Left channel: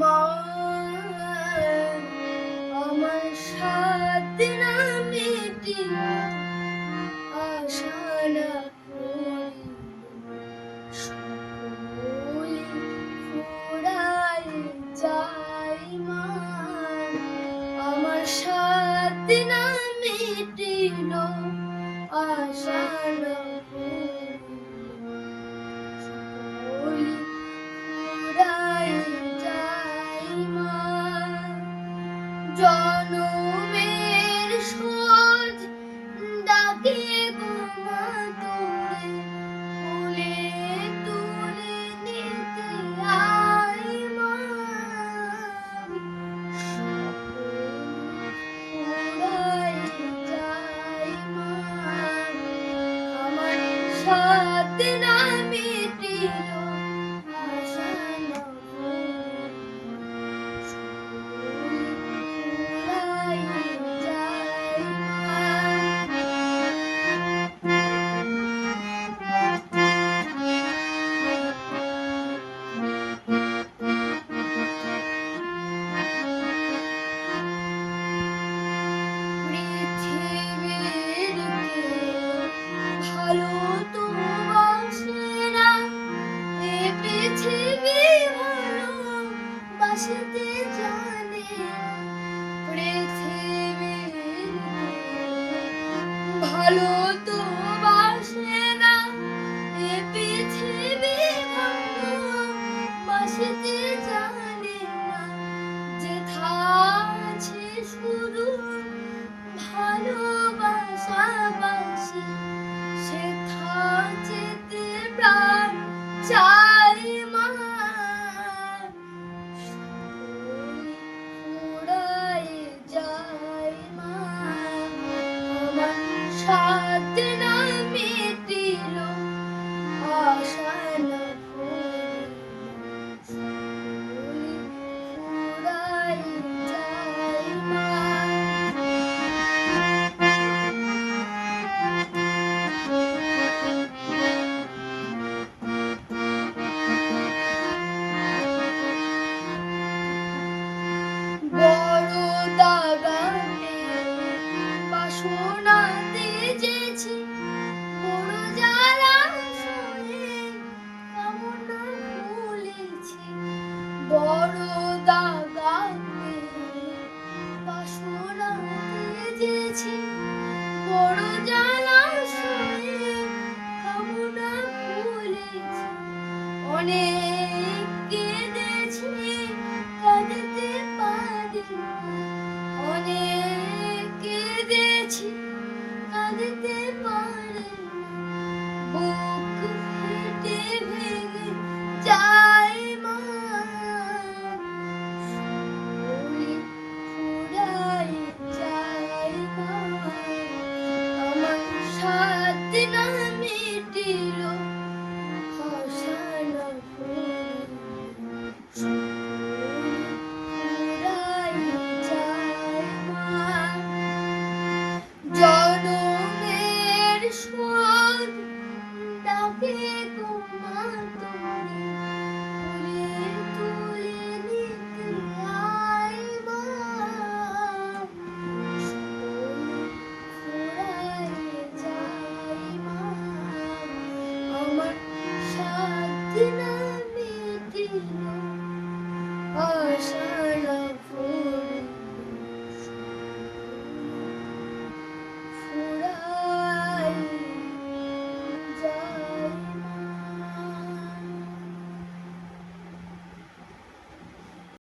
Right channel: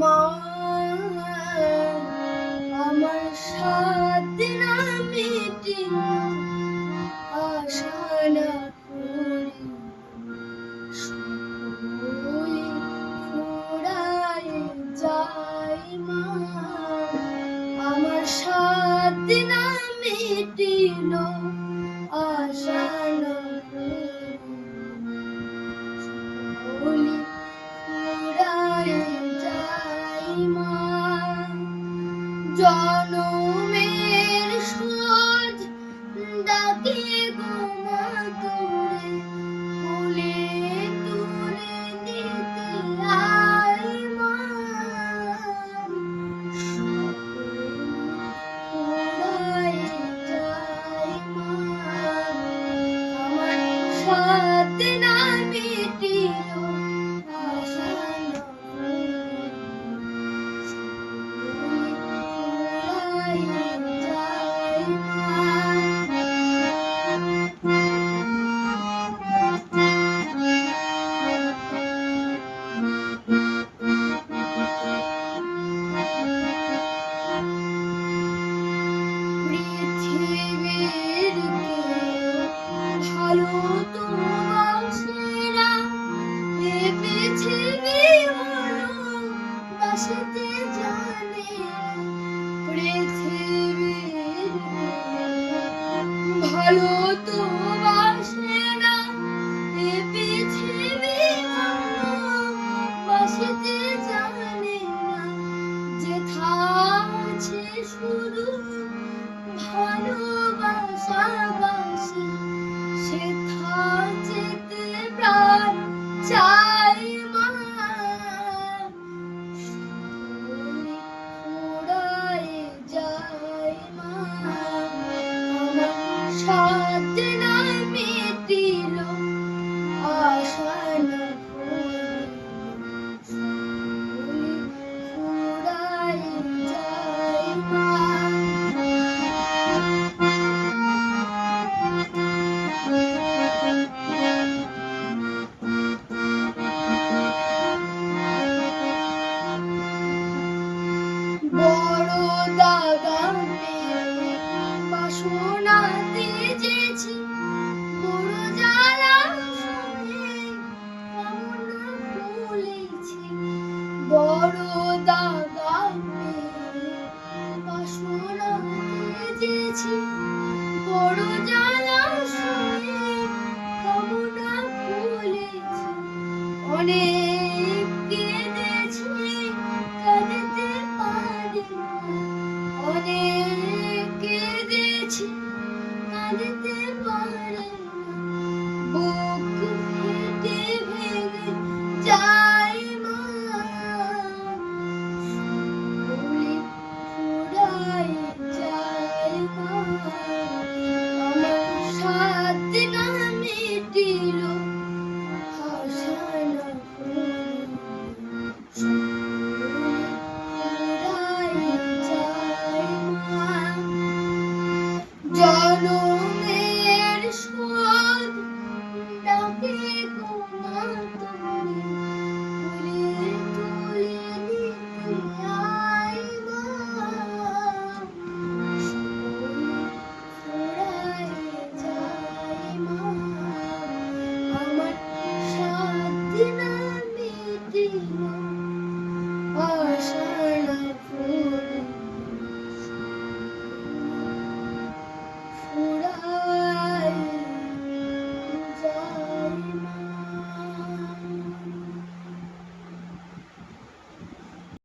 মা আমার সাথে না মিটিল জনমের সোজ ডাকে গোমা তোরে তুলে তুলে দিতে আয় মা। যায় মা। আমার সাথে না পৃথিবী বাসিতে জানে পৃথিবী ভালো তো বাসে না এ পৃথিবী বাসিতে আছি বড় জানার শুনে খবরটা অনেক